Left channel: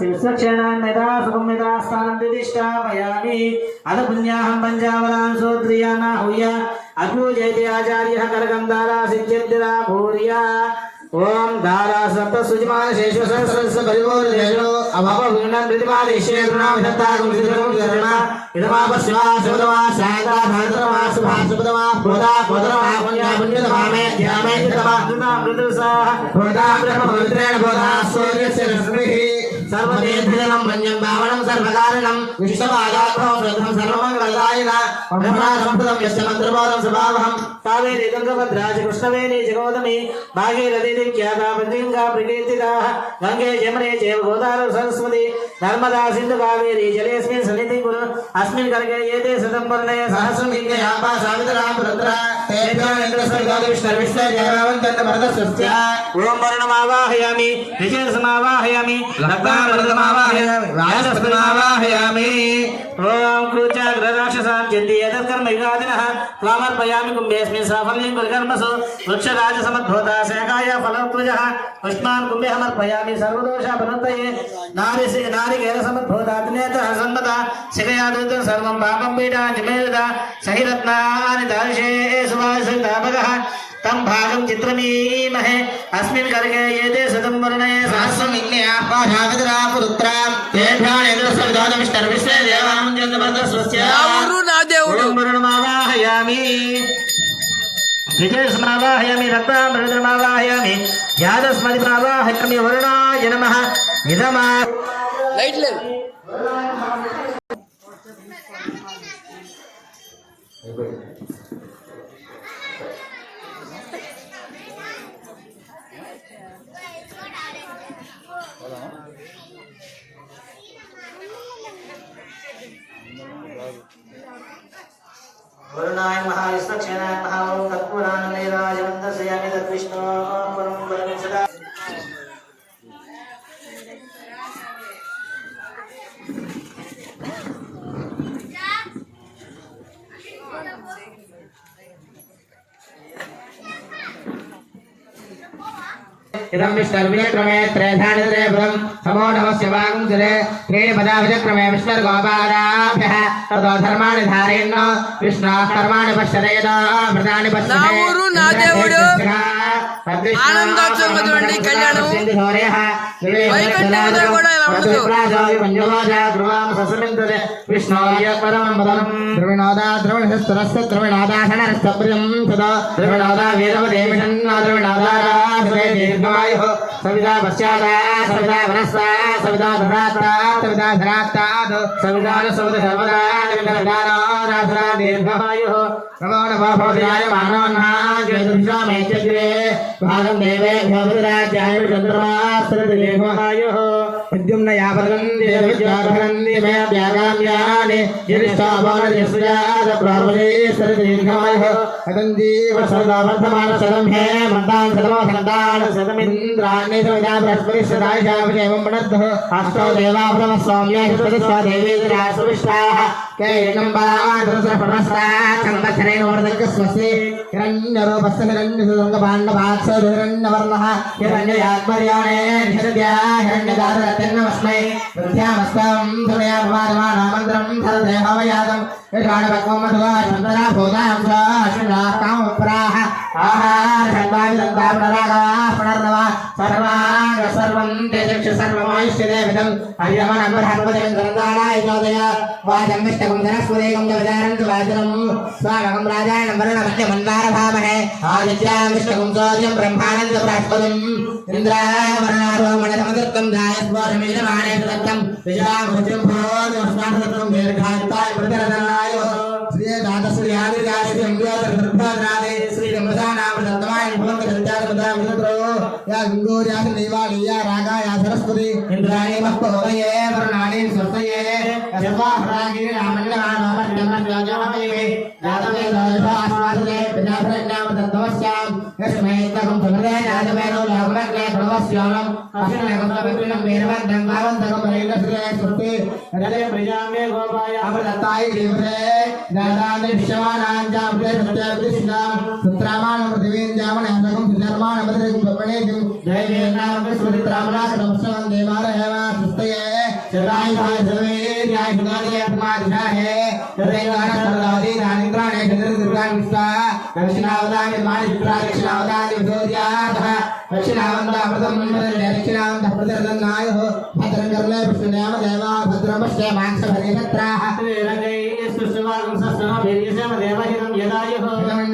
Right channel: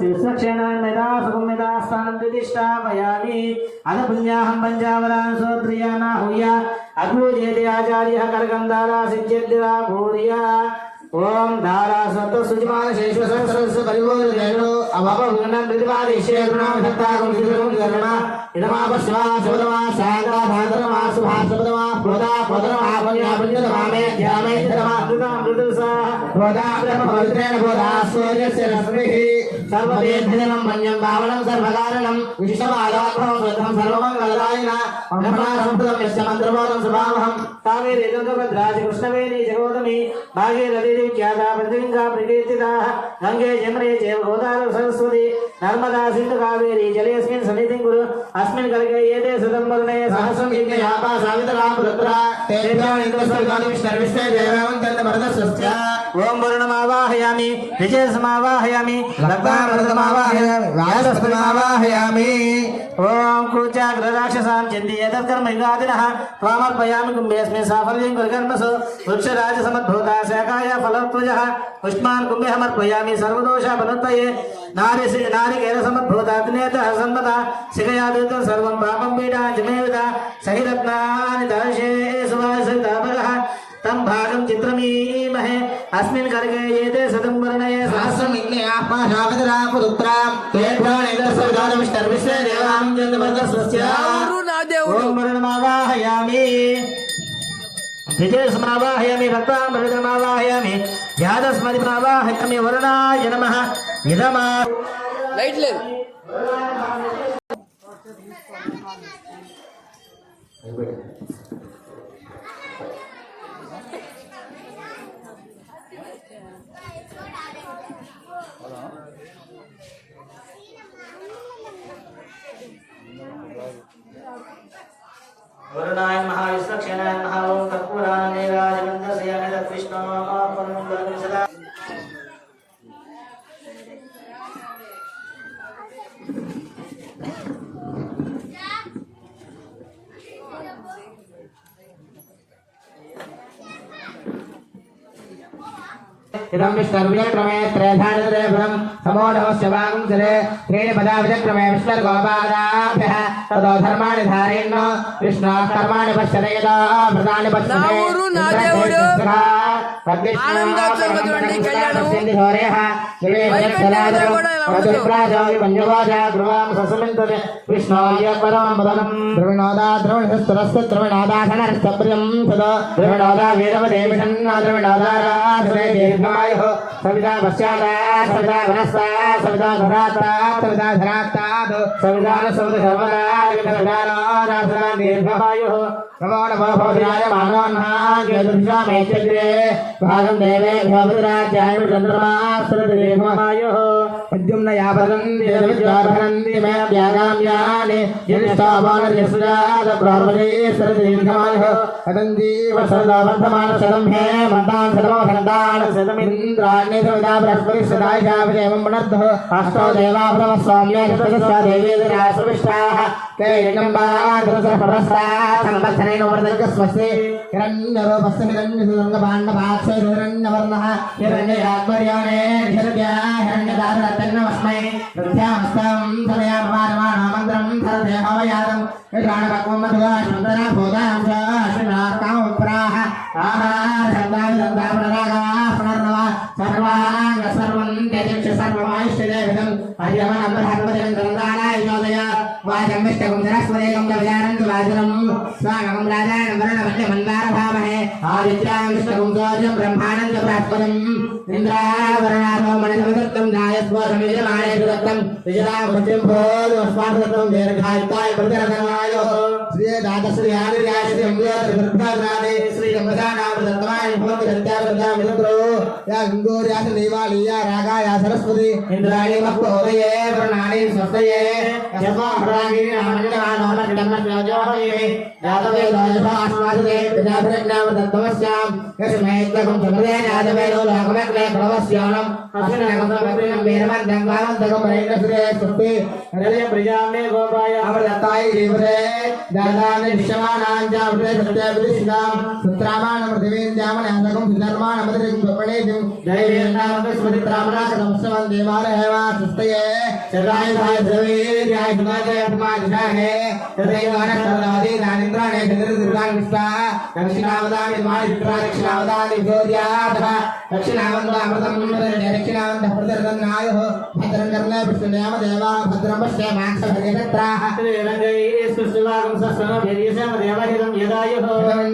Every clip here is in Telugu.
शिवसक्षणान्यदा सुकुम्यदास्थानं दिदिष्टापयामि अथ पुण्याहं पञ्चावरान् सोत्रियाना हुया अद्भुजेति आचार्यः करगं दारा सिद्ध्यद्रा भूर्या ओम दारा सप्त सुजमान शेषु सहस्रस्य परिवोलेषु अभवगुणं प्रतिपादिष्येर्नाम धत्तागं सिद्धं करणा इदमापस्वा सबदमा सायता धातरमा सुभासबदमा बोधा बोधरमा पुण्या पुण्यतमामे ध्यामे धमा दुना मृदुसा बोधा ब्रह्मपवित्रेण बोधा सूर्यस्य रश्मिः सर्वदेधिनं मन्यं भावनं सर्वकारणं विश्वमादात्मं श्रद्धं सर्वमङ्गलदायिना ब्रह्मासंप्रदं यस्य मन्त्रपादं स्वभावहं कावेरी गंगाभद्राज कृष्णवेणी जगोदमी भागीरथी ख्याता पंचगंगा प्रकीर्तिता गंगे जमुने चैव गोदावरी सरस्वती नर्मदा सिंधु कावेरी जलेस्मिन् सन्निधिं कुरु अस्मिन् करगे एते सदंबरणे सहस्रं यज्ञे आपा सावित्रा पुत्रा तेभ्यो इंद्रस्वर्गादिविष्णु देवावन्तन्त भरतस्वस्य ओम वर्णमावाहयामि ऋचिर्समावाहयामि रक्तामृतमावाहयामि राजस्पतिमावाहयामि ओम कुचाग्रराक्षसां चन्दी एतत्कर्म युगादिनः त्वामर्पयामि कुम्भेऽस्मिन् साफल्यं कुरुकर्मसु वृक्षराजसमद्भूता शाखाय फलत्वजः पुष्पान् कुम्भेऽहमर्पयामि सर्वदोषापनुत्तये नारिकेलसमद्भूताग्नेतः सम्मता शिखयादुतं सर्वं पापं पीडाञ्चमेदता सहिरत्नानि दार्शे सुभाषितापगः तं भागं चित्रमीमहे अस्मिन् करगे एते सुतं वर्णये सहस्रं इन्ने आपाधावदरा पुरुत्रां तेभ्यानेन्द्रस्वर्गादविष्टर्विश्वे देवामञ्जन्दवर्गस्वस्य ओम वर्णमावाहयामि विजयस्मावाहयामि रक्तामृतमावाहयामि यादस्मदिमावाहयामि वरुणाय नमः इदमा लाइट ले वरुणाय महाविष्णुक्षेणाय महाओं कर्पूरानन्देराजवन्दसयामि तद्विष्णो परमं बलं सदा इदं विष्णुर्विक्रमे त्रेधानिद्रेभ्यं समो नमस्य वागं जले त्रीणि पदाविक्रमे विष्णुर्गोपादाभ्यः ततो धर्माणि धारेण विष्णुः कर्माणि पश्यते व्रतानि पश्यते ఆనందోత్సవం చూడండి కళ్యాణం వైకుంఠంలో కూడా ఇలా ఉండదు విష్ణోయ పరమం పదం ద్రవిణోదా ద్రవిణస్తరస్య ద్రవిణోదాసనరస్తప్రియం సదా ద్రవిణోదా వేదవదేవిషం ద్రవిణోదారాధనే దీర్ఘమాయుః సవితా పశ్చాదా సవితా వనస్తా సవితా ధరాత్తా సవితా ధరాత్తాద్ సవితాన సవిత సర్వదా విధానారాధనా దీర్ఘమాయుః ప్రమాణ భావోదయాయ మానవన్హా జ్యోతిషామేత్యగ్రే భాగం దేవేభ్యో విరాజ్యాయ చంద్రమాస్త్రతి దీర్ఘమాయుః విద్యుమ్న యాపదం దేవవిద్యాధనంది మే వ్యాగామ్యాని యనిష్టాభానయస్యాద ప్రార్వణేశ్వర దీర్ఘమాయుః అదందీవ సదా వర్ధమాన శతం హే మంతాన్ శతమో సంతాన శతమింద్రాణి సదా బృహస్పతి సదాయ శావజేవం మణద్ధ అష్టో దేవాభ్రమ స్వామ్యే సతస్వా దేవేంద్రాశ్రవిష్టాః తే యంబాధరసపరస్తాః సంవత్సరేణ వర్ధకస్వస్తి హిరణ్యరూపస్య హిరణ్యసుంగపాండవాక్షో హిరణ్యవర్ణః హిరణ్యయాత్మర్యాణే హిరణ్యా హిరణ్యదాతరత్నమస్మై వృద్ధ్యామస్తం సదయామానమానామంత్రం సరదేహవయాదం యజానపక్వమధువా చందనా భూతాం స్వాశ్వినాకామప్రాహ ఆహారసర్వామిదంతాపనరాగాः పునర్నవా సర్వాంగ సర్వం తేజక్షు సర్వమాయుష్యదేవిదం అర్యమనం బ్రహ్మదేవం ధనందానాయ జ్యోతయ వాజంవిష్టకం ధనస్వదేకం విదారంతు వాజనం స్వాగం రాజాయనం వరుణమధ్యమన్వారభామహే ఆదిత్యాం విష్ణుకం సోజం బ్రహ్మానంద బృహస్పతిం ఇంద్రావరణారో మణితమదత్తం ధాయస్మోషమిజమానే దత్తం విజయాభుజం భోజమస్మాకృతం దీర్ఘాయుక్తాయ ప్రతిరతనాయ శ్రీ దాతశ్రీ ఆదిత్యాయ శ్రీ అంబియాత్రిభద్రాదే శ్రీ దంపదానామ దత్తమాయ భోగ దత్తాయ విదత్రో యా గంగోర్యాస దేవాలయ రాగాయ సరస్వతి ఇంద్రాయ మస్తోదయే వరుణాని స్వస్తయే యస్మాహరాగిరి నామజ్ఞానోన ధర్మజోజోహయే దాతవే దాసఆస్వాదే ప్రజాప్రజ్ఞామ దత్తమస్యాం యస్మైత్తం సమదే నాదవేదో లాభనగ్నే ప్రణవస్యానం అసనగమకపినం వీరవర్ధం వావంతకం రైనశ్రే స్వస్తి హరే ప్రజామే గోపాయ అమరతాయ దేవరే దాదానే విశ్వమానాంజాంప్రే సత్యవిదిష్ణాం సుత్రామానం పృథివీంజామనహరకం ధర్మానమదరిం పపణేజం జయ వీరనామ స్మృతిత్రామణ నమస్కారం దేవాలయవా సుస్తయ चतुरायुधाय सर्वेर्याय सुनादय समाधिशाहे तदेवान सर्वादि नानिन्द्राणे चतुर्दुर्गान् विश्वा दक्षिणावदामि दक्षिणावदामि विभोर्यातः दक्षिणावन्दामृतं दक्षिणावन्तः प्रदर्दन्नायुः भद्रं कर्णे विष्णुनाम देवा भद्रं पश्य मांसभरितत्राः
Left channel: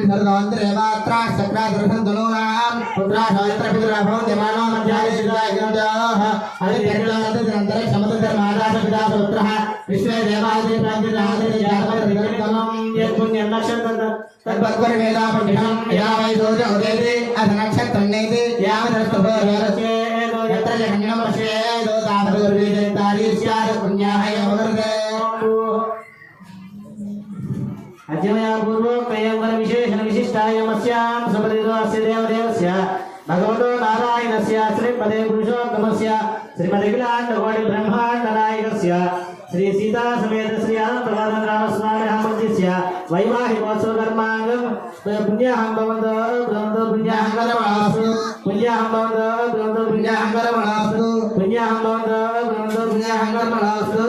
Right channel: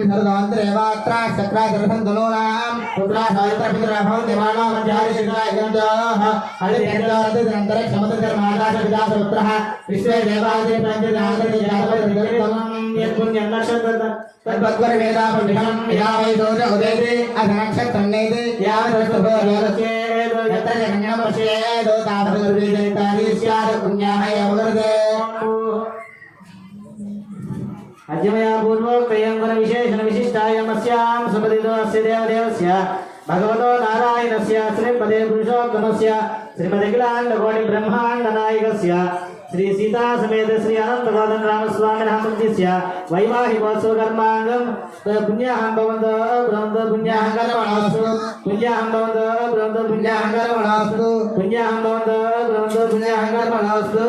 सर्वान्तरेवात्रा चक्रादर्शन्दनूनां पुत्राशास्त्रपितराभवं जमानो मध्यादिशिखायगन्धः हरिभर्गारदनन्तर समतन्त्रमादासपितासपुत्रः विश्वे देवादि प्रान्तिरादरिजातपरिवर्तनं यत्पुण्यलक्षं तद्भद्वरवेदापण्डितं यदा वै दोष उदेते अधनक्षत्रं नेते यावदस्तुभोर्यादस्य यत्र जगन्नं पश्येदो तावद्गर्वीजनितानि स्यात् पुण्याः अवगर्दे अद्यमया पूर्वोक्तयं वरविशेषण विशिष्टायामस्यां सपदितोऽस्य देवदेवस्य भगवतो नारायणस्य श्रीपदे पुरुषोत्तमस्य श्रीमदखिलाण्डकोटि ब्रह्माण्डनायकस्य श्री सीता समेत श्री अनन्तगोधनरामस्वामिनः मन्दिरस्य वैवाहिकोत्सव कर्माङ्गं पुण्याहं भवन्तो भवन्तो पुण्याहं करमणास्तु पुण्याहं भवन्तो भवन्तो पुण्याहं करमणास्तु पुण्याहं भवन्तो भवन्तो पुण्याहं करमणास्तु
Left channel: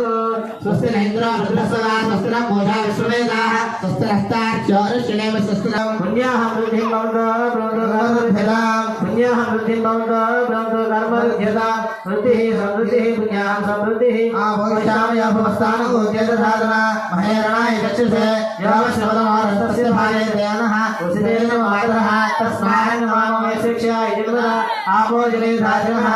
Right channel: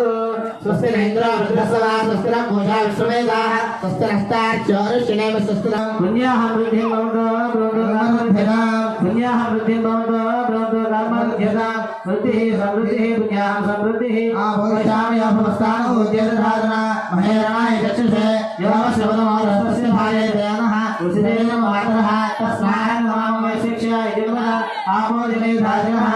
स्वस्ति नैन्द्रो भद्रस्वदा स्वस्ति नः पूषा विश्ववेदाः स्वस्ति नस्तार्चोरुष्यणेव स्वस्ति नः पुण्याहं वृद्धिं भवन्तो भवन्तो कर्मभ्यतां पुण्याहं वृद्धिं भवन्तो भवन्तो कर्मभ्यतां वृद्धिः समृद्धिः पुण्याहं समृद्धिः आभोषामि अभवस्थानो उद्यतधारणा महेरणाय चक्षुषे यावश्रवणमारस्तस्य भाये दयानः उसिदेव मातरः तस्मान् नमामि शिक्षाय जन्मः आभोजने धारणः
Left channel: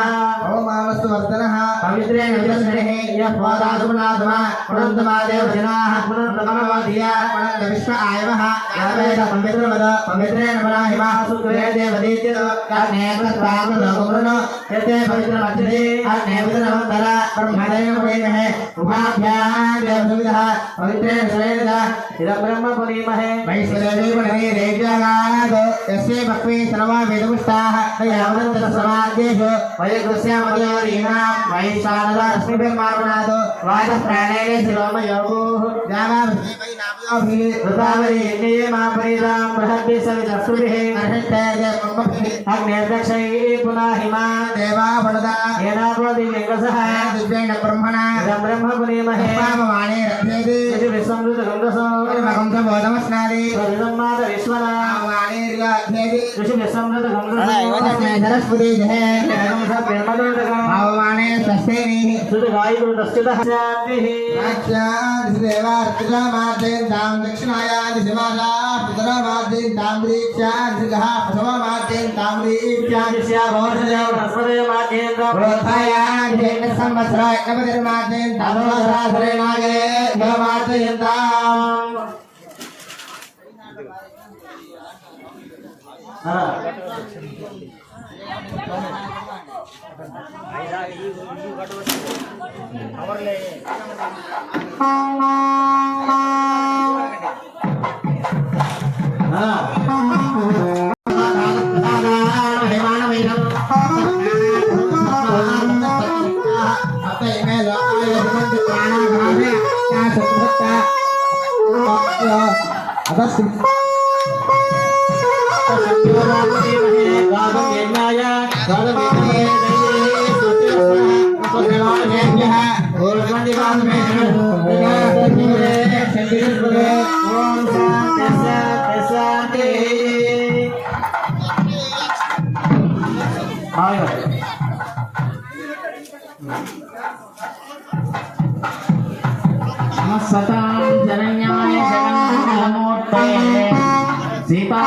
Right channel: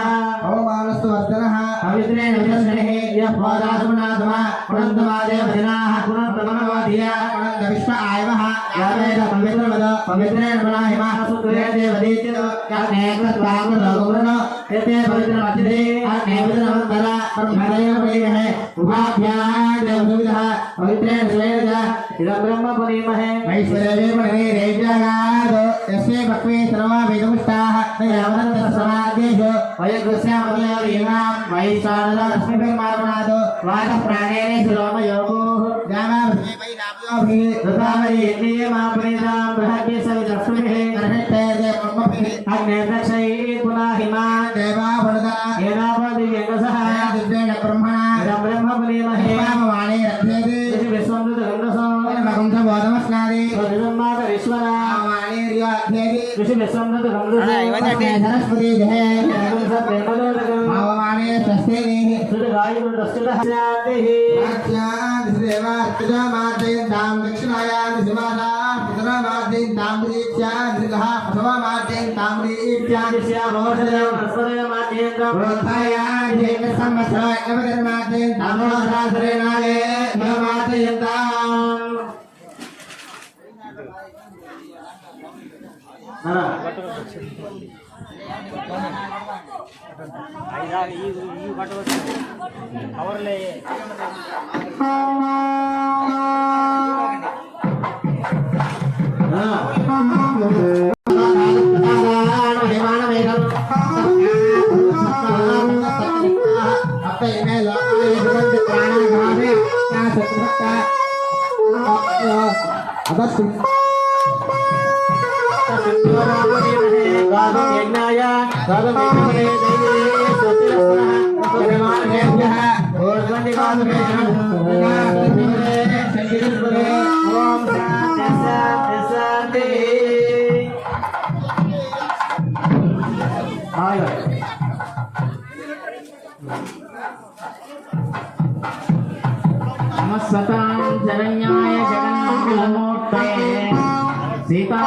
ओमावस्तु वर्धनः पवित्रेण विदर्शने यः पादासुमनाथमा पुनन्तमादेव जनाः पुनन्तमनवाधिया पुनन्त विश्व आयवः यावेद पवित्रवद पवित्रेण मनाहिमा सुकृते देवदीत्य कर्णेन्द्रत्वामृतगुरुन यते पवित्रमध्यते अर्णेन्द्रवन्दर ब्रह्मदेव परीमहे उभाभ्यां देवसुविदः पवित्रेण सुवेदः इदं ब्रह्म परीमहे वैश्वदेवी पणे रेजनाद यस्य भक्ति सर्वा वेदपुष्टाः तयावनन्तसमाद्येषु वयकृस्यामदयोरीणां वैशानद अस्मिभिर्मारुणादो वाचप्राणेन शिरोमयोगोः ऋतावरीमापरीतां बृहद्भिः सवितस्तुभिः अग्नेर्दक्षैः पुनः हिमा देवा वरदा येनापदि व्यङ्कसः दिव्येण ब्रह्मणा इदं ब्रह्म पुरीमहे पापवाणे रथ्यते ऋषिभिस्संवृतगङ्गसोदमस्नादि विसम्मातरीश्वरा सरस्वती जहे भाववाणे स्वस्तेनि सुतगायुस्तुतः शान्तिः देवार्तिकामार्जयन्तां दक्षिणायादिशिमाला पुतरामार्जयन्तां दीक्षादिगः प्रथमामार्जयन्तां दीक्षादिस्या भवसदेव तस्मदेव मार्जयन्तां प्रोत्थायादिजेन संवत्सरा एकमकर्मार्जयन्तां सहस्रेणागे भवमार्जयन्ताम् शरण्याय शरणमूर्ते सीता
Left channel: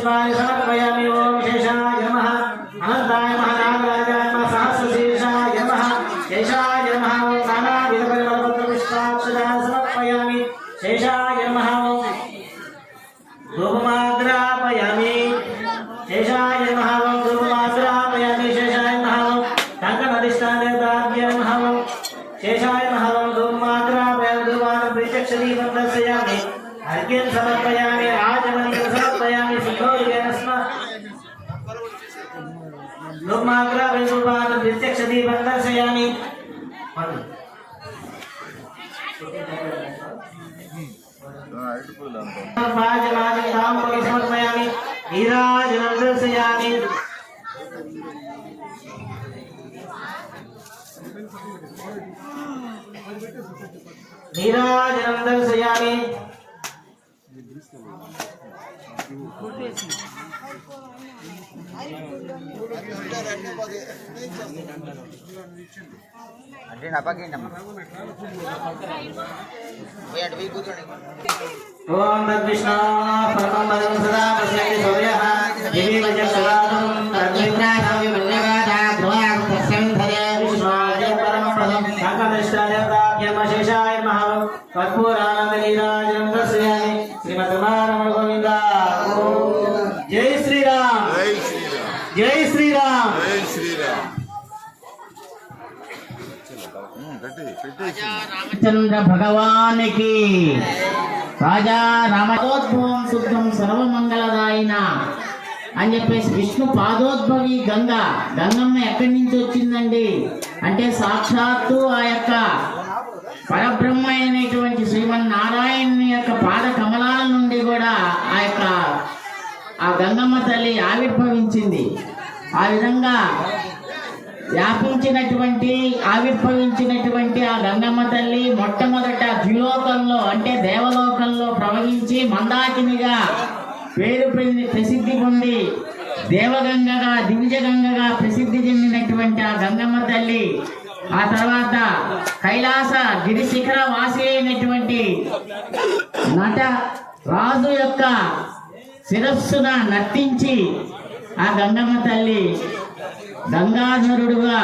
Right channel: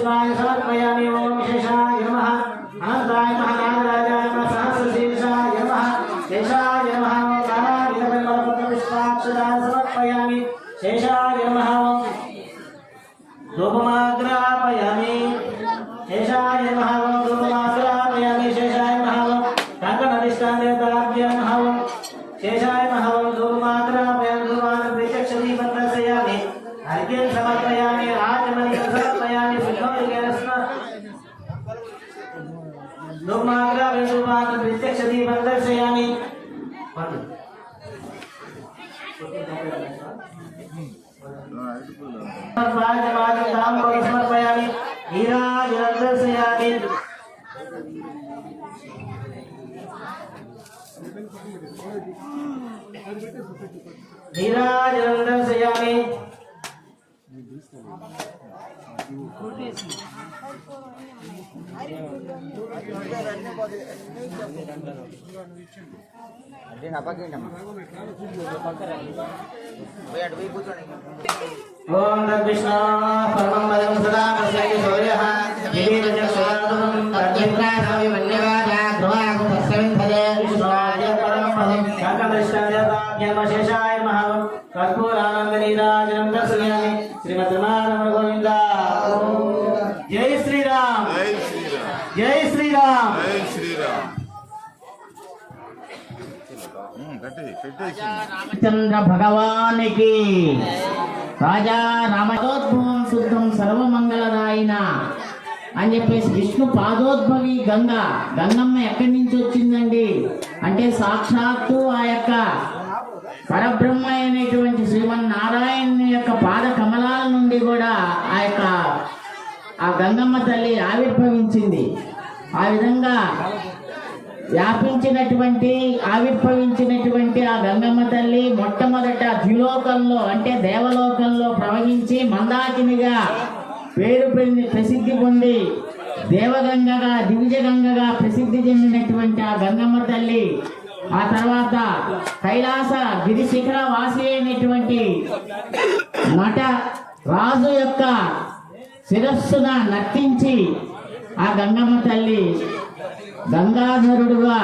पुष्पाणि समर्पयामि। ओम शेषाय नमः अनंताय महानागराजाय नमः सहस्रशीर्षाय नमः शेषाय नमः। ओम नानाविधपरिमलपत्रपुष्पाक्षतानि समर्पयामि। शेषाय नमः धूपमाग्रापयामि। शेषाय नमः धूपमाग्रापयामि। शेषाय नमः कंकणाधिष्ठानदेवताभ्य नमः। शेषाय नमः धूपमाग्रापयामि। धूपान् प्रत्यक्षदीपं दर्शयामि। अर्घ्यं समर्पयामि। राजमणिं समर्पयामि। सिंहोलिकेन धूपमाग्रापयामि। धूपान् प्रत्यक्षदीपं दर्शयामि। समर्पयामि। नीराजनं दर्शयामि। नीराजनं दर्शयामि। అంటే నపకిండమ్మ అటు కూర్చోండి. ఓం తద్విష్ణు పరమం పదం సదా పశ్యతి సూర్యః దివిజక్షరాదం తద్విప్రాణాయ మన్యగాదా ధ్రువాగం తస్యంధదే విష్ణురాయ పరమం పదం సంకమేష్టాదేవతాభ్యమశేషాయ నమః కర్పూరానందనీరాజనం దర్శయామి. శ్రీమద్రమారమణ గోవింద. జై శ్రీరామ్ జై శ్రీరామ్ జై శ్రీరామ్. చంద్ర భగవానికి రాజా రామోద్భవం శుద్ధం సర్వమంగళదాయిన అని చెప్పేసి విష్ణు పాదోద్భవి గంగమ్మ ఎక్కడి నుంచి వచ్చిందండి అంటే సాక్షాత్తు ఆ యొక్క పరబ్రహ్మ అయినటువంటి శ్రీమన్నారాయణ యొక్క పాద కమలాల నుండి కూడా ఆ గంగమ్మ తల్లి ఆవిర్భవించింది. ఆ విధంగా ఆవిర్భవించినటువంటి ఆ గంగమ్మ తల్లి మొట్టమొదట ద్విలోకంలో అంటే దేవలోకంలో ప్రవహించి మందాకినిగా ప్రసిద్ధి పొంది దేవగంగగా దివిజగంగగా ప్రసిద్ధి చెందినటువంటి ఆ గంగమ్మ తల్లి ఆ తర్వాత కైలాస గిరి శిఖర వాసి అయినటువంటి నట రాజు యొక్క శిరస్సున నర్తించి ఆ గంగమ్మ తల్లి గంగాధరుడుగా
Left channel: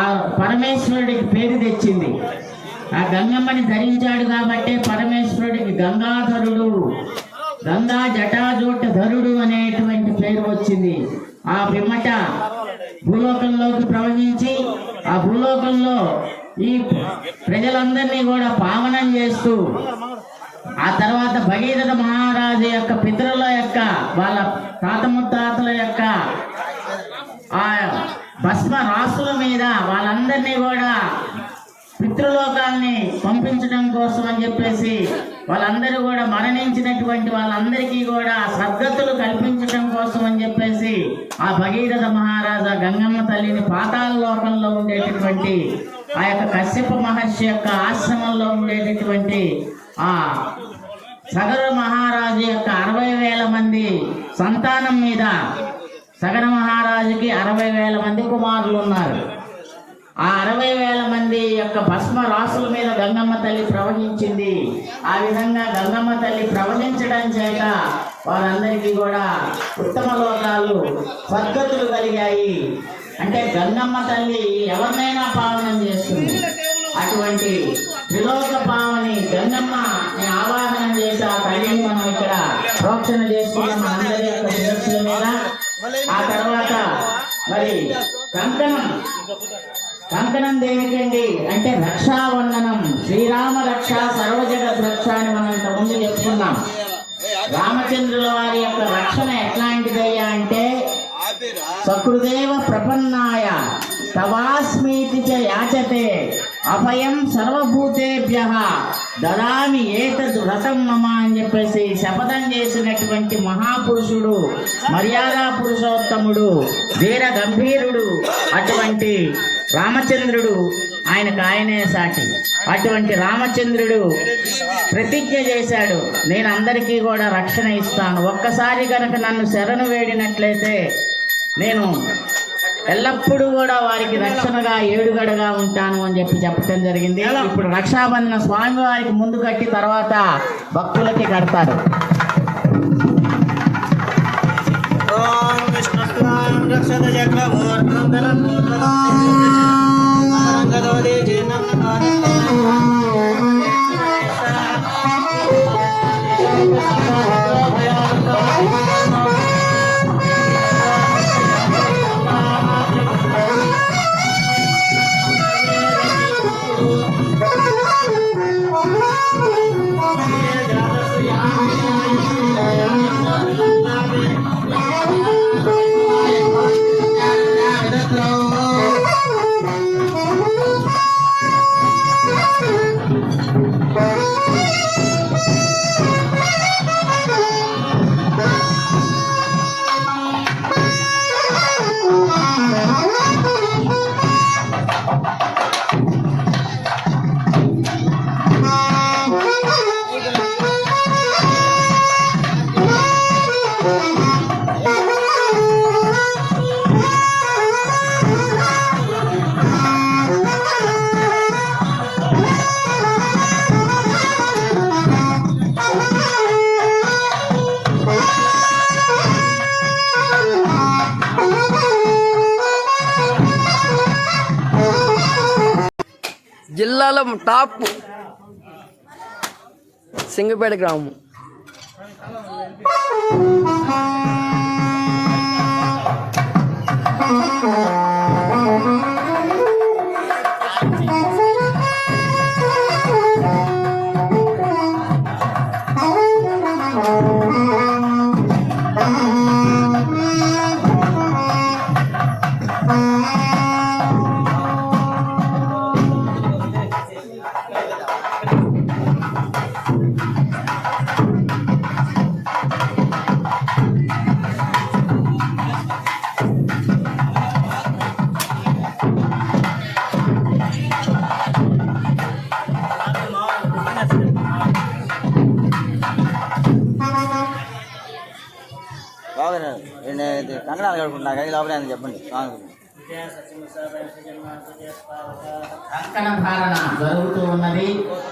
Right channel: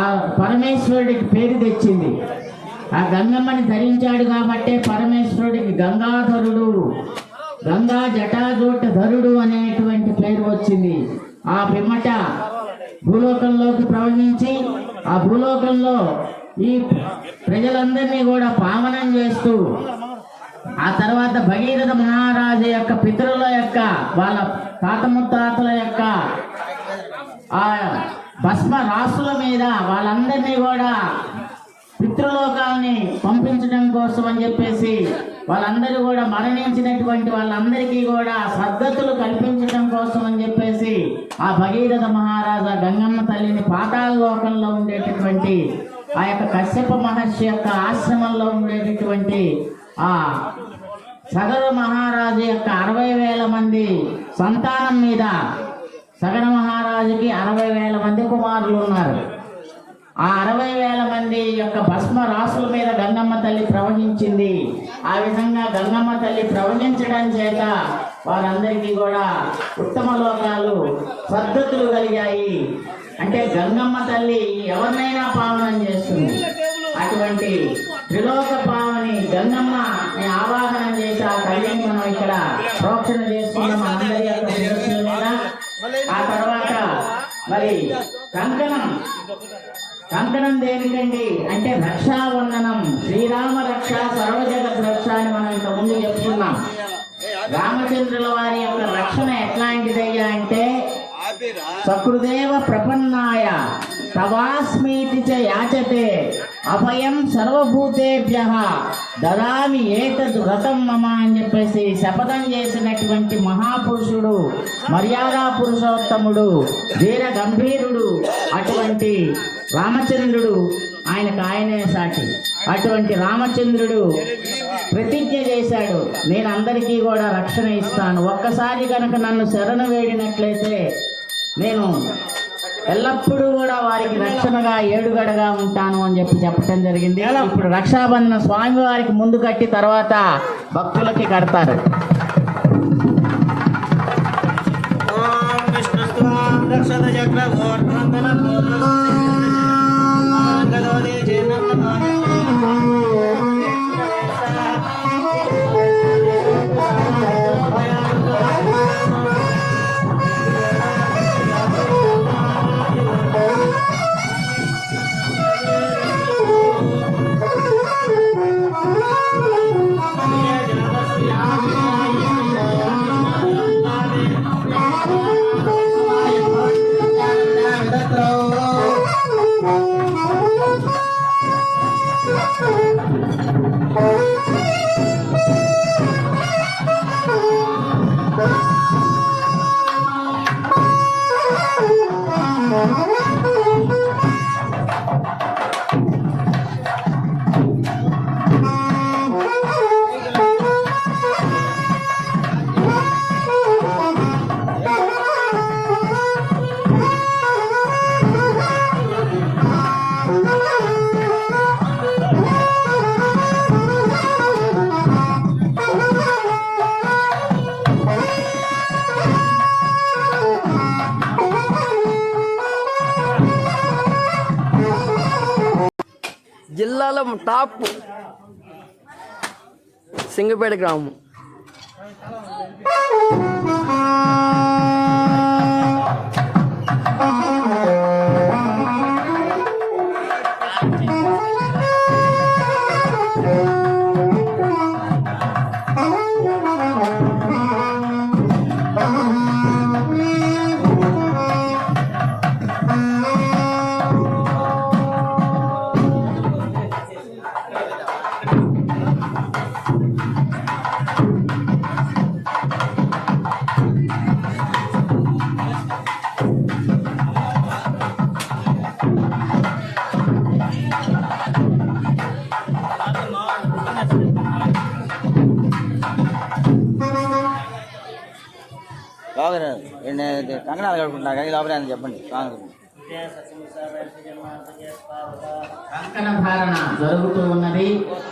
ఆ పరమేశ్వరుడికి పేరు తెచ్చింది. ఆ గంగమ్మని ధరించాడు కాబట్టే పరమేశ్వరుడికి గంగాధరుడు గంగా జటాజూటధరుడు అనేటువంటి పేరు వచ్చింది. ఆ పిమ్మట భూలోకంలోకి ప్రవహించి ఆ భూలోకంలో ఈ ప్రజలందరినీ కూడా పావనం చేస్తూ ఆ తర్వాత భగీరథ మహారాజు యొక్క పితరుల యొక్క వాళ్ళ తాత ముత్తాతల యొక్క ఆ భస్మ రాసుల మీద వాళ్ళందరినీ కూడా పితృలోకాలని పంపించడం కోసం అని చెప్పేసి వాళ్ళందరూ కూడా మరణించినటువంటి వాళ్ళందరికీ కూడా సద్గతులు కల్పించడం కోసం అని చెప్పేసి ఆ భగీరథ మహారాజా గంగమ్మ తల్లిని పాతాళ లోకంలో ఉండేటటువంటి ఆ యొక్క కశ్యప మహర్షి యొక్క ఆశ్రమంలో ఉండేటటువంటి ఆ సగర మహారాజు యొక్క 60,000 మంది సంతానం మీద సగర మహారాజుకి 60,000 మంది కుమారులు ఉన్నారు. ఆ 60,000 మంది యొక్క భస్మ రాసుల మీద గంగమ్మ తల్లి ప్రవహించింది. ఆ విధంగా గంగమ్మ తల్లి ప్రవహించడం చేత వారందరికీ కూడా ఉత్తమ లోకాలు సద్గతులు కలిగాయి. అంటే గంగమ్మ తల్లి ఎవరినైనా పావనం చేస్తుంది. అటువంటి త్రిలోక పావని గంగమ్మ ఆవాహన చేసి ఆ తల్లిని మనం ఇక్కడ ప్రోక్షణ చేసుకున్నాం అందరి యొక్క శిరస్సుల మీద. ఆ తర్వాత మరి కంకణం దేనికండి అంటే రక్షాబంధనం. శ్రీరామ రక్ష సర్వజగత్ రక్ష అని మనం ఇక్కడ ముందు చెప్తున్నాం. రామచంద్రుల వారి యొక్క రక్షణ ఎట్లాంటిదయ్యా అంటే సకృదేవ ప్రపన్నాయ తవాస్మీతి చ యాచతే అభయం సర్వభూతేభ్యః దదామి ఏతద్ వ్రతం మమ అని చెప్పేసి శపథం చేసినటువంటి మహాపురుషుడు, మర్యాదా పురుషోత్తముడు, వీర గంభీరుడు అటువంటి రామచంద్రుడు. ఆయనకు ఆయనే సాటి. అటువంటి రామచంద్రుడు ప్రతిజ్ఞ చేశాడు, నేను అందరికీ కూడా రక్షణ ఇస్తాను. ఒక్కసారి కనుక నన్ను శరణు వేడినట్లయితే నేను ఎల్లప్పుడూ కూడా వారికి రక్షణగా ఏడుగడగా ఉంటాను అని చెప్పడం జరిగింది. ఇప్పుడు రక్షాబంధన స్వామి వారికి ముందు కట్టి తర్వాత భక్తులకి కడతారు. జిల్లాలో టాప్ సింగపేట గ్రామం. కంగనా కడుకుంటా కానీ లోపల చెప్పండి కంకణ ధారణ జరుగుతూ ఉన్నది.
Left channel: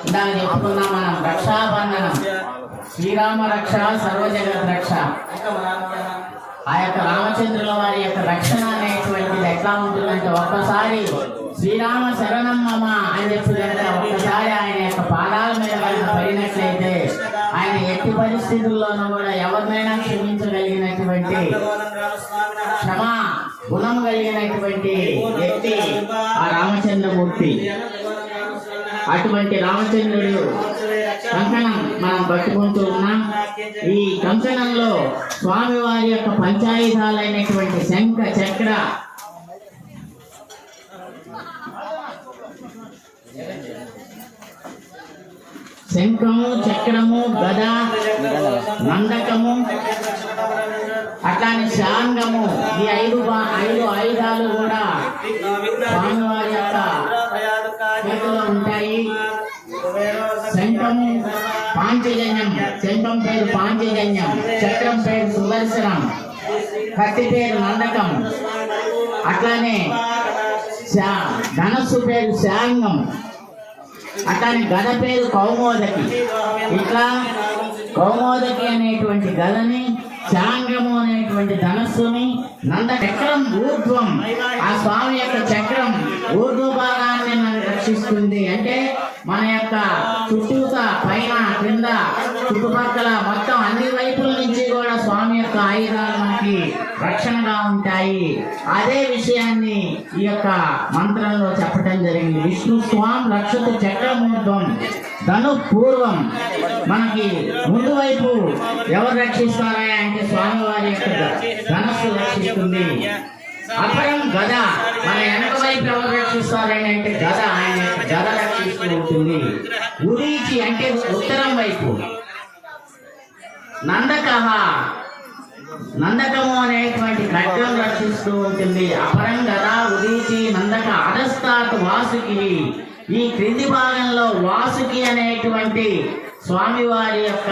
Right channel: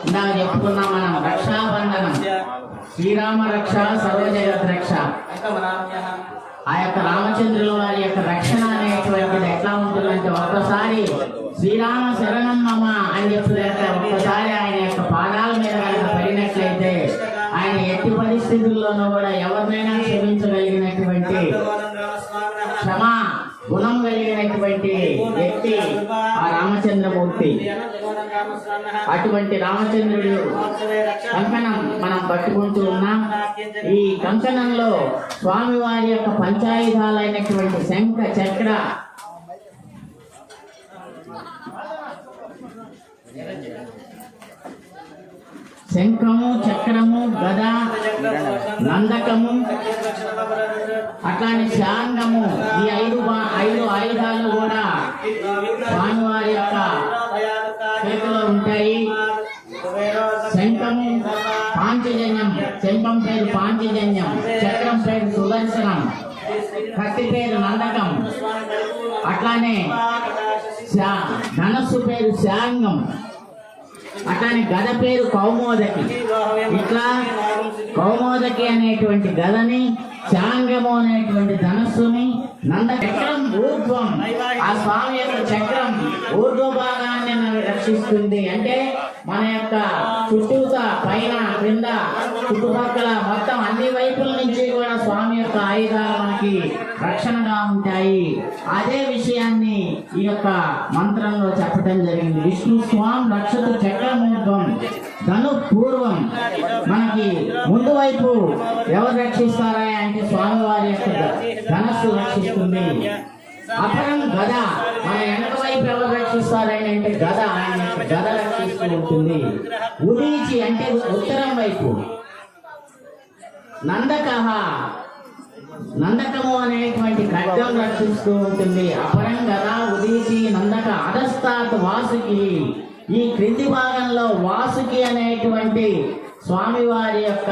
ఇందాక చెప్పుకున్నాం మనం, రక్షాబంధనం, శ్రీరామ రక్ష సర్వజగత్ రక్ష. ఆ యొక్క రామచంద్రుల వారి యొక్క రక్షణ అనేటువంటిది ఎట్లా ఉంటుందంటే, ఒక్కసారి శ్రీరామ శరణం మమ అని చెప్పి ఒక్కసారి ఆయన యొక్క పాదాల మీద కనుక పడినట్లయితే ఆయన ఎట్టి పరిస్థితుల్లోనూ కూడా ఎవరినైనా క్షమించగలిగినటువంటి క్షమా గుణం కలిగినటువంటి వ్యక్తి ఆ రామచంద్రమూర్తి. అటువంటి రామచంద్రుడు కంకణం మనం పట్టుకుంటూ ఉన్నాం. ఈ కంకణంలో స్వామివారి యొక్క పంచాయుధాలైనటువంటి శంఖ చక్ర శంఖము, చక్రము, గద, నందకము, అట్లానే శాంగము, ఈ ఐదు ఆయుధాలు కూడా స్వామివారి యొక్క చేతిలో ఉంటాయి. శంఖము పాంచజన్యం, శంఖం పేరు పాంచజన్యం, చక్రం పేరు సుదర్శనం, కత్తి పేరు నందకం, అట్లానే ధనస్సు పేరు శాంగం, అట్లానే గద పేరు కౌమోదకి. ఇట్లా కౌమోదకి అనేటువంటి గదని, శాంగము అనేటువంటి ధనస్సుని, నంద చక్రం ఊర్ధ్వం, ఆ స్వామి యొక్క చక్రం ఊర్ధ్వ భాగాన్ని మనం రక్షిస్తుంది. అంటే మన యొక్క చుట్టూత పైన క్రింద చుట్టుపక్కల మొత్తం అన్ని వైపుల నుంచి కూడా స్వామి యొక్క ఆయుధాలు మనకి రక్షణగా ఉంటాయి. అదే విషయాన్ని ఈ యొక్క మంత్రంలో చెప్పడం జరిగింది. విష్ణు స్వామి రక్షత చక్రమూర్ధ్వం ధను పూర్వం. మనకి ముందు వైపు ఎవరు రక్షిస్తారా అంటే స్వామివారి యొక్క ధనస్సు రక్షిస్తుంది. అపరం గద, మన వెనక వైపు ఎవరు రక్షిస్తారని అంటే గద, ఆయన గద రక్షిస్తూ ఉంటుంది. ఉదీచి అంటే ఉత్తరం వైపు. నందకము అనేటువంటి ఖడ్గం రక్షిస్తూ ఉంటుంది. అపరం గద, ఉదీచి, నందక, అధస్తాత్ వాసుకి. ఈ క్రింది భాగంలో వాసుకి అనేటువంటి స్వామివారి యొక్క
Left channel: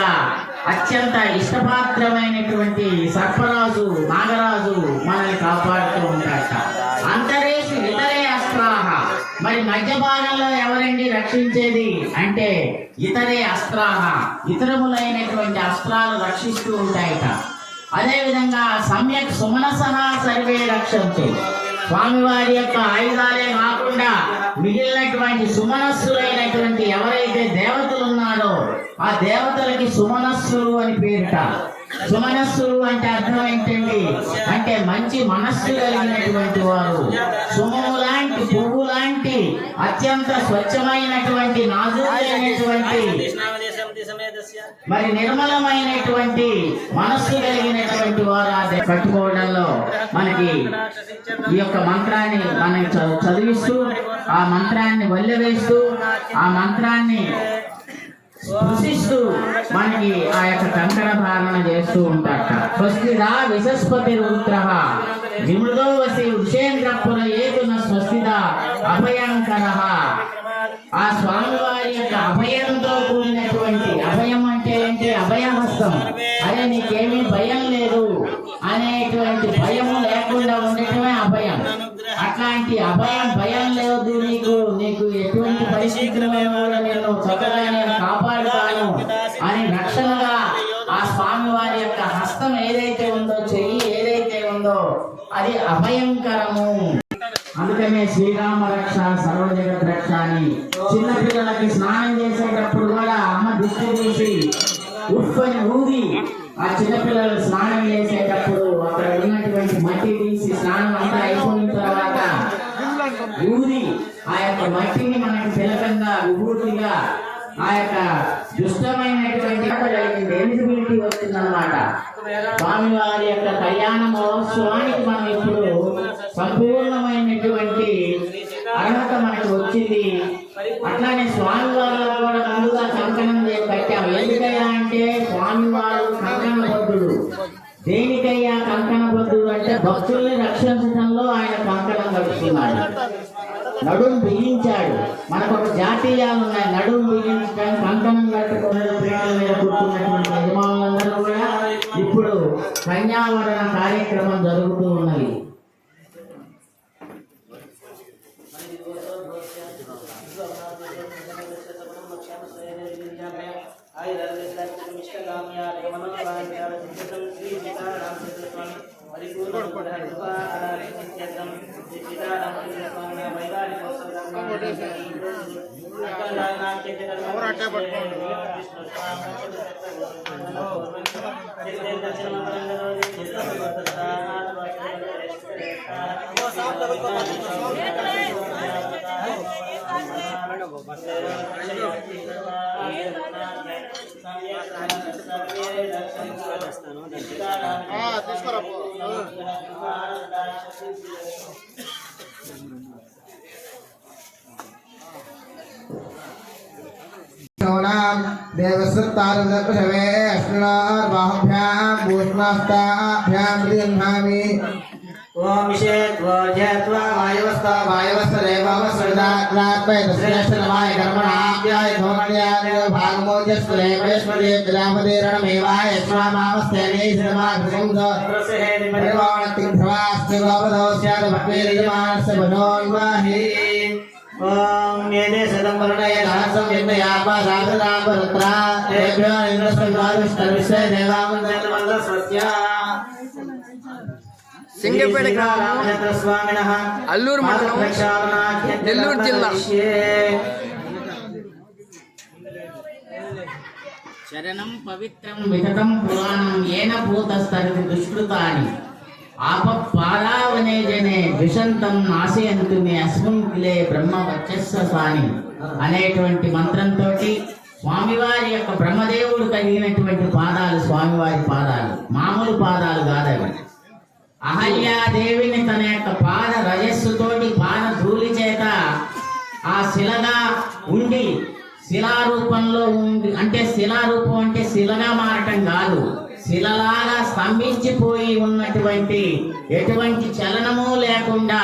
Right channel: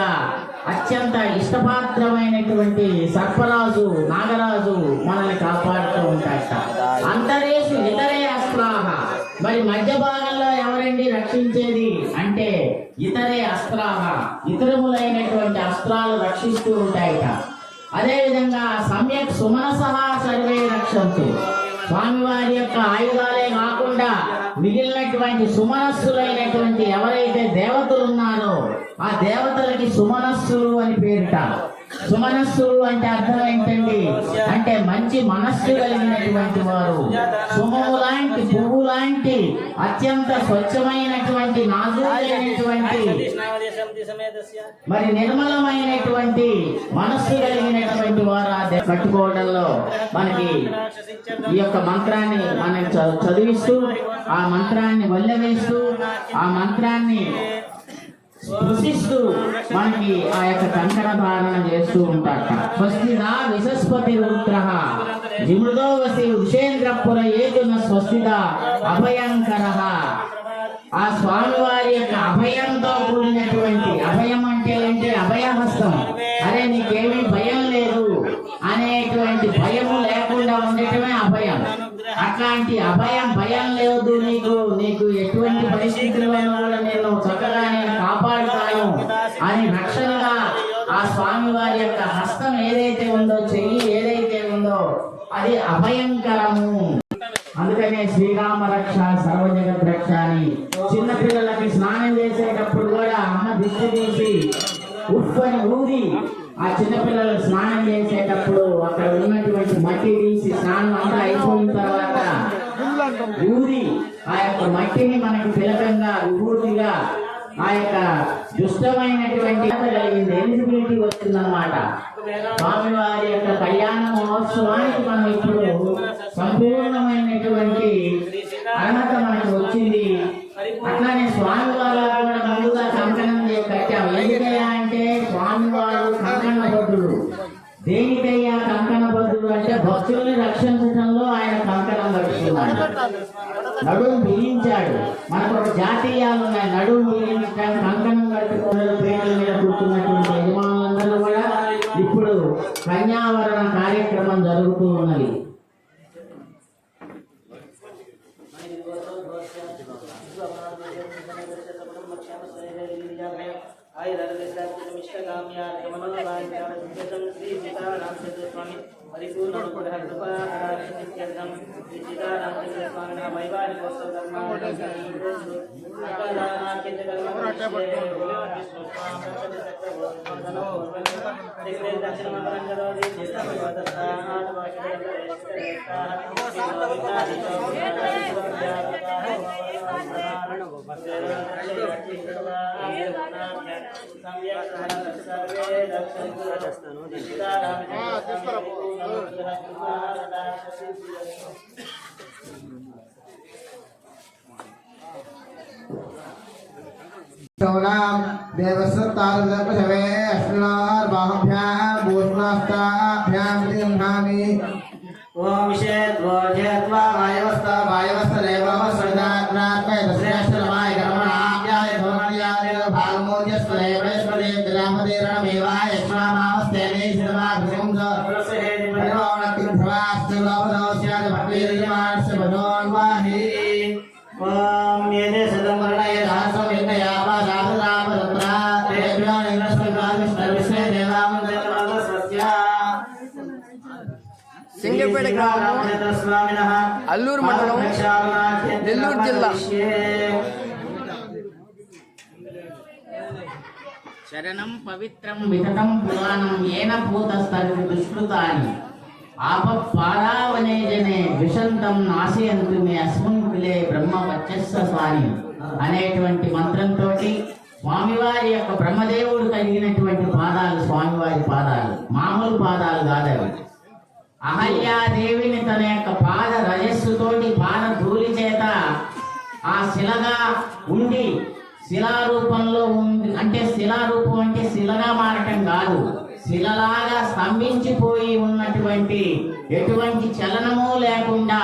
అత్యంత ఇష్టపాత్రమైనటువంటి సర్పరాజు, నాగరాజు మనల్ని కాపాడుతూ ఉంటాడట. అంతరేషు ఇతరే అస్త్రాహ. మరి మధ్య భాగంలో ఎవరండి రక్షించేది అంటే ఇతరే అస్త్రాహ, ఇతరములైనటువంటి అస్త్రాలు రక్షిస్తూ ఉంటాయట. అదేవిధంగా సమ్యక్ సుమనసహ సర్వే రక్షంతు. స్వామివారి యొక్క ఆయుధాలే కాకుండా మిగిలినటువంటి సుమనస్సులైనటువంటి ఎవరైతే దేవతలు ఉన్నారో ఆ దేవతలకి సుమనస్సులు అని పేరుట. సుమనస్సులు అంటే అర్థం ఏంటండి అంటే మంచి మనస్సు కలిగినటువంటి వారు. సుమము లాంటి పువ్వు లాంటి అత్యంత స్వచ్ఛమైనటువంటి నాజూకైనటువంటి మరి నిర్మలమైనటువంటి మనస్సు కలిగినటువంటి వారు ఆ కట్టుకోవడంలో మనకి ఈ యొక్క మంత్రాన్ని మనం చదివిస్తూ ఆ మంత్రాన్ని వల్లవేస్తూ ఆ మంత్రాన్ని స్పృశిస్తూ మనకి ఆ యొక్క కంకణ ధారణ చేస్తూ ఉంటారట. స్వస్తిదా విశస్పతి రుద్రః విమృదో వసి వృషేంద్రపుర ఏతున స్వస్తిదా అభయంకరః. ఆ స్వామివారి యొక్క అభయంతో కూడినటువంటి, అభయం అంటే ఏంటి? అభయహస్తం. అరే నీకేమీ భయం లేదు అనేటువంటి భయము లేకుండా ఉండటమే అభయం. అట్లాంటి అభయం, భయం లేదు నీకు ఎటువంటి పరిస్థితుల్లో కూడా నేను చక్కగా నేను కాపాడుతాను అని రక్షణగా ఆ స్వామివారి యొక్క హస్తం ఏదైతే ఉందో, చెయ్యి ఏదైతే ఉందో అది అభయంకరము. అందుకనే శ్రీరామ రక్ష సర్వజగత్ రక్ష అని చిన్నపిల్లలకి స్నానం చేసేటప్పుడు కూడా అమ్మ దిష్టి తీసి ఉఫ్ అని ఊది ఆ చిన్నపిల్లలు స్నానం చేసేటప్పుడు అక్కడ ఉన్నటువంటి మట్టి తీసి స్నానం అంతా అయిపోయిన తర్వాత ఊది ఆ యొక్క మట్టిని మనకి తిలకంగా విభూతిగా ఆ యొక్క దుష్టమైనటువంటి ఎలిజిబిలిటీ వచ్చిందన్నమాట. స్వామివారి యొక్క కళ్యాణ మహోత్సవానికి మనం ఇప్పుడు సంపూర్ణమైనటువంటి అర్హత మనకు వచ్చింది. అట్లానే స్వామివారు కూడా ముందుగా కంకణం కట్టాము. ఎందుకయ్యా అంటే స్వామివారు కంకణబద్ధుడు. దేనికయ్యా కంకణబద్ధుడు అంటే భక్తుల్ని రక్షించడంలో ఆయన కంకణం కట్టుకున్నాడు, నడుము బిగించాడు. మనకు ఒక జాతీయాలు ఉన్నాయి, నడుము బిగించడం, కంకణం కట్టుకున్న పీటల మీద కూర్చున్నటువంటి యజమానులందరూ కూడా ఇప్పుడు కన్యావరణ కార్యక్రమం జరుగుతూ ఉన్నది. देवस्तारुदपशवे अश्विनोर्बाहुभ्यां भूष्णास्ताभ्यां दीर्घामि ओम विषेद्वोज्यत्वा वायवस्थदेवस्वदाग्रात्मयतश्रेष्ठनमाय कर्मणाभ्याय धोमण्याय भागमोजस्वदेवेश्वरे ग्रामदेरणमेवाय स्वामावस्तेने सर्वाभृंद परिवाणतिभ्रवास्तिवावधोस्याद भक्तिर्यमानस्य बनोन्माहि ओम येने सदं वर्णये सहस्रं यज्ञयापा साधुरामरुद्रा देभ्यो इंद्रस्वर्गादिष्टविषय देवावन्दनमन्दस्वस्या సింగపేట గ్రామం, అల్లూరు మండలం, నెల్లూరు జిల్లా. శరణం పవిత్రం వితతం పురాణం ఏన భూతస్తరి దుష్కృతాని ఆపపారావనే జనే ద్విషంతం నాశయంతు మీ అస్మిన్ కిలే బ్రహ్మ వచ్చస్సాని అనేటువంటి మంత్రంతో స్వామివారి యొక్క బ్రహ్మదేవుడు కలిగినటువంటి పాదాలు స్వామివారి పాదాలు మామూలు పాదాలు కాదవి. అహల్యాదేవిని తన యొక్క పాద రజస్సుతోటి పాద ధూళి చేత ఆ శిలగా ఉండి శిలారూపంలో ఉంది. అంటే శిలారూపం అంటే శిలగా మారటం కాదు, శిలలాగా స్తంభించిపోయి ఉన్నటువంటి ఎటువంటి చలనము లేకుండా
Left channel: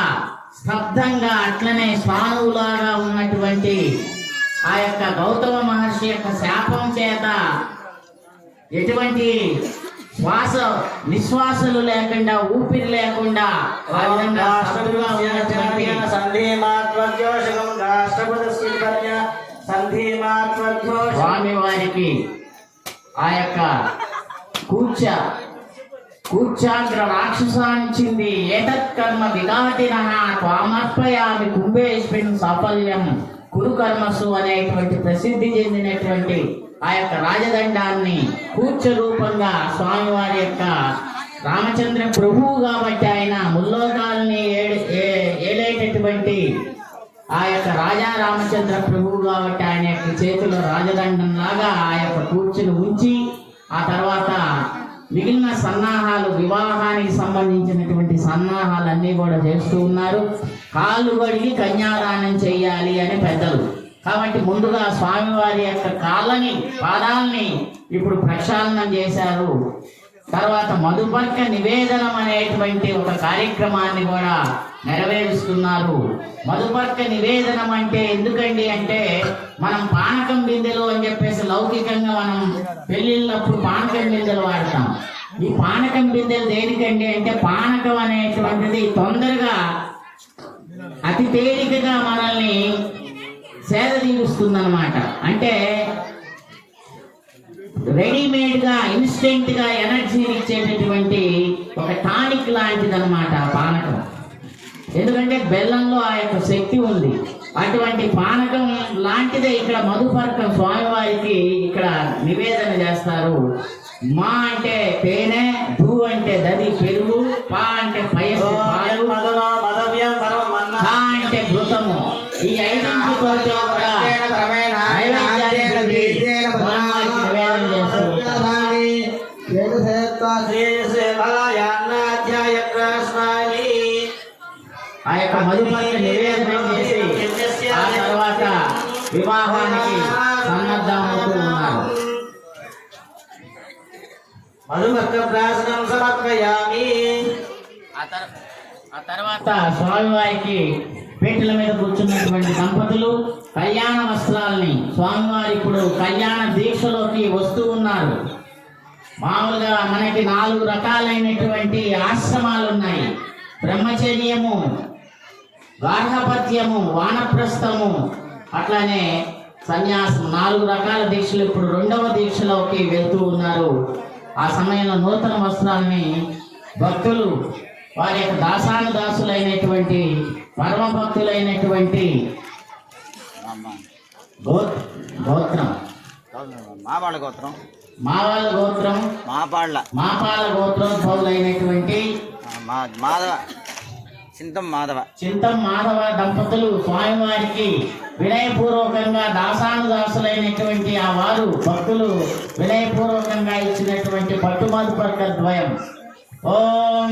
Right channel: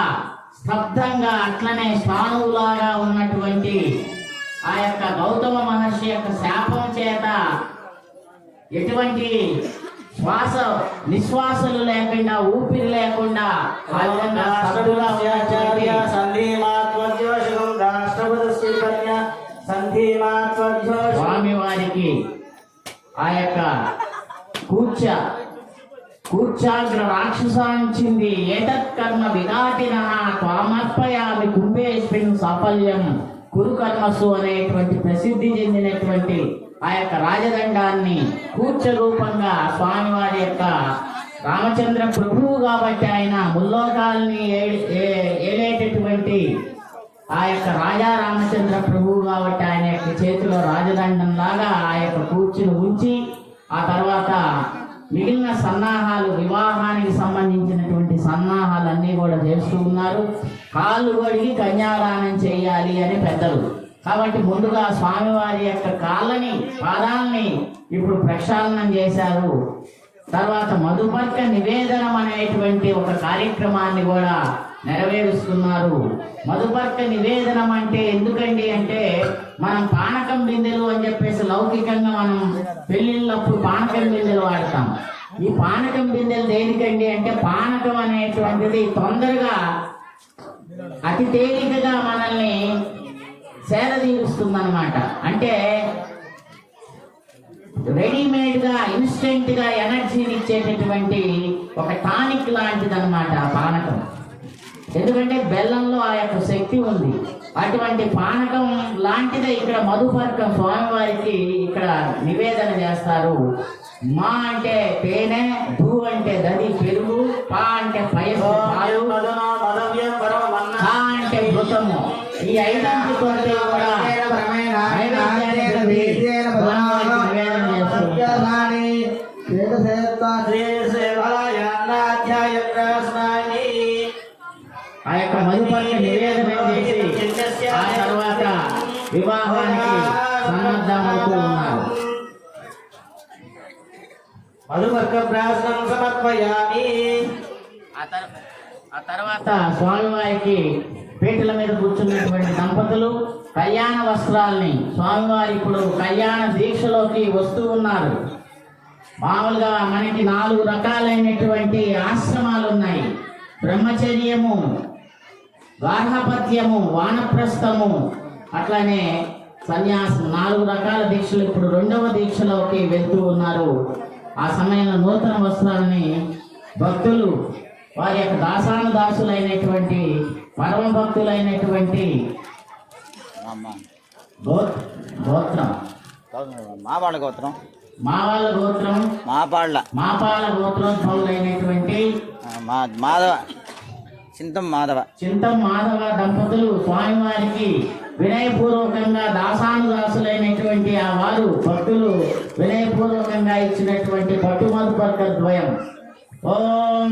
స్తబ్దంగా అట్లనే శ్వానువులాగా ఉన్నటువంటి ఆ యొక్క గౌతమ మహర్షి యొక్క శాపం చేత ఎటువంటి శ్వాస నిశ్వాసలు లేకుండా ఊపిరి లేకుండా ఆ విధంగా స్వామి వారికి ఆ యొక్క కూర్చ ఉచ్చాగ్ర రాక్షసాంచింది ఏతత్ కర్మ విఘాతినః త్వామర్పయామి కుంభేష్మిన్ సాఫల్యం కురు కర్మసు అనేటువంటి ప్రసిద్ధి చెందినటువంటి ఆ యొక్క రాజదండాన్ని కూర్చ రూపంగా స్వామివారి యొక్క రామచంద్ర ప్రభువు కాబట్టి ఆయన ముల్లోకాలని ఏలేటటువంటి ఆ యొక్క రాజా రామచంద్ర ప్రభువు కాబట్టి ఆయన యొక్క చేతిలో రాజదండం లాగా ఆ యొక్క కూర్చుని ఉంచి ఆ తర్వాత మిగిలిన సన్నాహాలు వివాహానికి సంబంధించినటువంటి సన్నాహాలన్నీ కూడా చేస్తూ ఉన్నారు. కాళ్ళు కడిగి కన్యాదానం చెయ్యాలి అని పెద్దలు కాబట్టి ముందుగా స్వామివారి యొక్క కాళ్ళని పాదాలని ఇప్పుడు ప్రక్షాళనం చేశారు. తర్వాత మధుపర్క నివేదనం అనేటువంటి ఒక కార్యక్రమాన్ని కూడా నెరవేరుస్తున్నారు. మధుపర్క నివేదనం అంటే ఎందుకండి అంటే మనం పానకం బిందెలు అని చెప్పేసి లౌకికంగా మనం పెళ్లిళ్ళప్పుడు పానకం బిందెలు వాడతాం. ఈ పానకం బిందెలు దేనికండి అంటే పానకం అనేటువంటిది తొందరగా అతి తేలికగా మనల్ని సేద తీరుస్తుంది అన్నమాట. అంటే రెడీమేడ్ గా ఇన్స్టెంట్ గా ఎనర్జీని ఇచ్చేటటువంటి ఒక టానిక్ లాంటిది అనమాట పానకం. ఎందుకంటే బెల్లంలో ఆ యొక్క శక్తి ఉంది. అటువంటి పానకం లాంటిదే ఇక్కడ మధుపర్కం స్వామివారికి ఇక్కడ నివేదన చేస్తారు. మా అంటే తేనె, ధూ అంటే దది పెరుగు, పా అంటే పయసు పాలు, హా అంటే ఘృతము. ఈ ఐదంతో కూడా నైవేద్యాన్ని పెట్టి స్వామివారికి నివేదన చేస్తారు. ఆ యొక్క మధుపర్క నివేదన చేసి ఆ తర్వాత వివాహానికి సన్నద్ధమవుతూ ఉన్నారు. ఆ తర్వాత స్వామివారికి పీటల మీద కూర్చున్నటువంటి దంపతులు కళ్యాణ వస్త్రాలని స్వామివారి ఇప్పుడు కళ్యాణ దీక్షలోకి వస్తూ ఉన్నారు. మామూలుగా మనకి 4 రకాలైనటువంటి ఆశ్రమాలు ఉన్నాయి. బ్రహ్మచర్యము, గార్హపత్యము, వానప్రస్థము, అట్లానే సన్యాసం. 4 రకాల దీక్షలు ఇప్పుడు 2వ దీక్షలోకి వెళ్తూ ఉన్నారు. ఆ సమయంలో నూతన వస్త్రాలని భక్తులు వారి యొక్క దాసానుదాసులైనటువంటి పరమ భక్తులైనటువంటి గోత్రం మాపాళ్ళ గోత్రం మాపాళ్ళ గోత్రోద్భవులైనటువంటి చింతం మాధవ దంపతులు స్వామివారికి వినయపూర్వకంగా దాసానుదాసులైనటువంటి ఆ వారు భక్తులు వినయపూర్వకంగా ఇచ్చినటువంటి పట్టుమధుపర్క ద్వయం. ఓం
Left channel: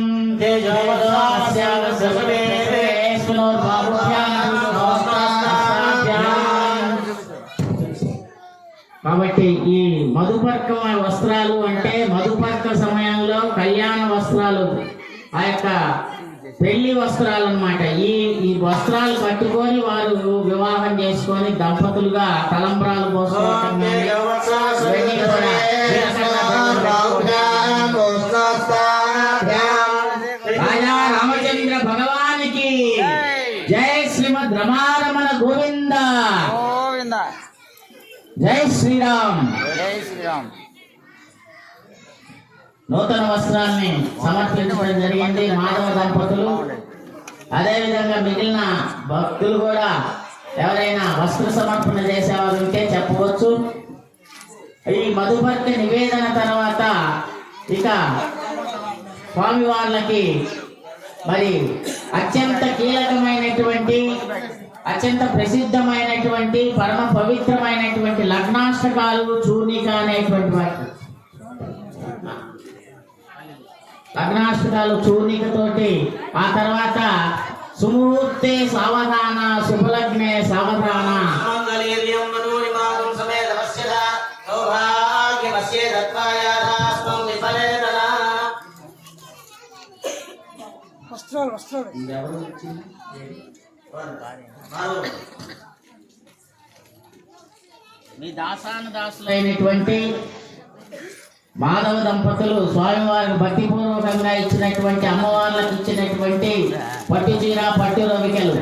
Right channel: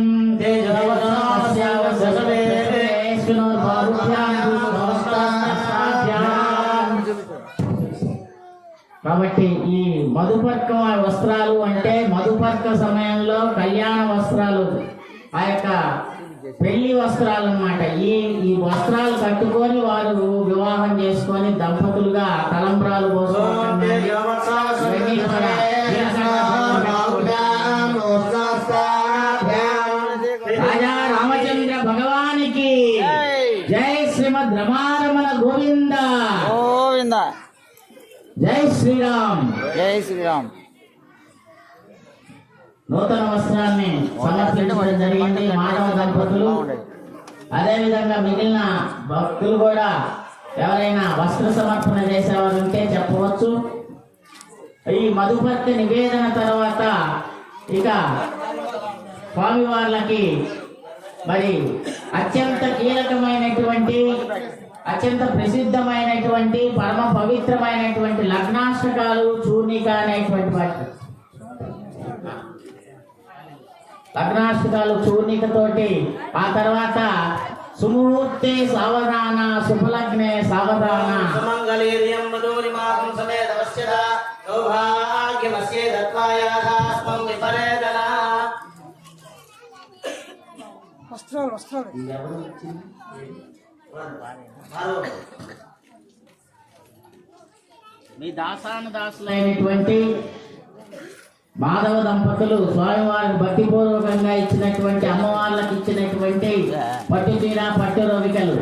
కాబట్టి ఈ మధుపర్క వస్త్రాలు అంటే మధుపర్క సమయంలో కళ్యాణ వస్త్రాలు, ఆ యొక్క పెళ్లి వస్త్రాలు అన్నమాట. ఈ వస్త్రాలు కట్టుకొని వారు వివాహం చేసుకొని దంపతులుగా తలంబ్రాలు పోసుకోవడం రాజా రామచంద్ర భగవానికి జై శ్రీమద్ రమారమణ గోవింద జై శ్రీరామ్. నూతన వస్త్రాన్ని సమర్పించడం జరిగింది మాధవ దంపతులు. అదేవిధంగా మిగిలిన భక్తులు కూడా ఎవరైనా వస్త్ర సమర్పణ చేసేవారు ఉంటే చెప్పవచ్చు. ఈ మధుపర్క నివేదన తర్వాత ఇక స్వామివార్లకి మరి అత్యంత కీలకమైనటువంటి, అత్యంత ప్రసిద్ధమైనటువంటి, పరమ పవిత్రమైనటువంటి లగ్నాష్టకాలు, చూర్ణిక అనేటువంటి వాటి లగ్నాష్టకాలు చూర్ణికతోటి ఆ తర్వాత సుముహూర్తే సావధాన, శుభలగ్నే సావధాన, మీ దాసానుదాసులైనటువంటి మాధవ దంపతులు స్వామివారికి భక్తిపూర్వకంగా ఇచ్చినటువంటి, అమ్మవార్లకు ఇచ్చినటువంటి పట్టు చీర, పట్టు రవికలు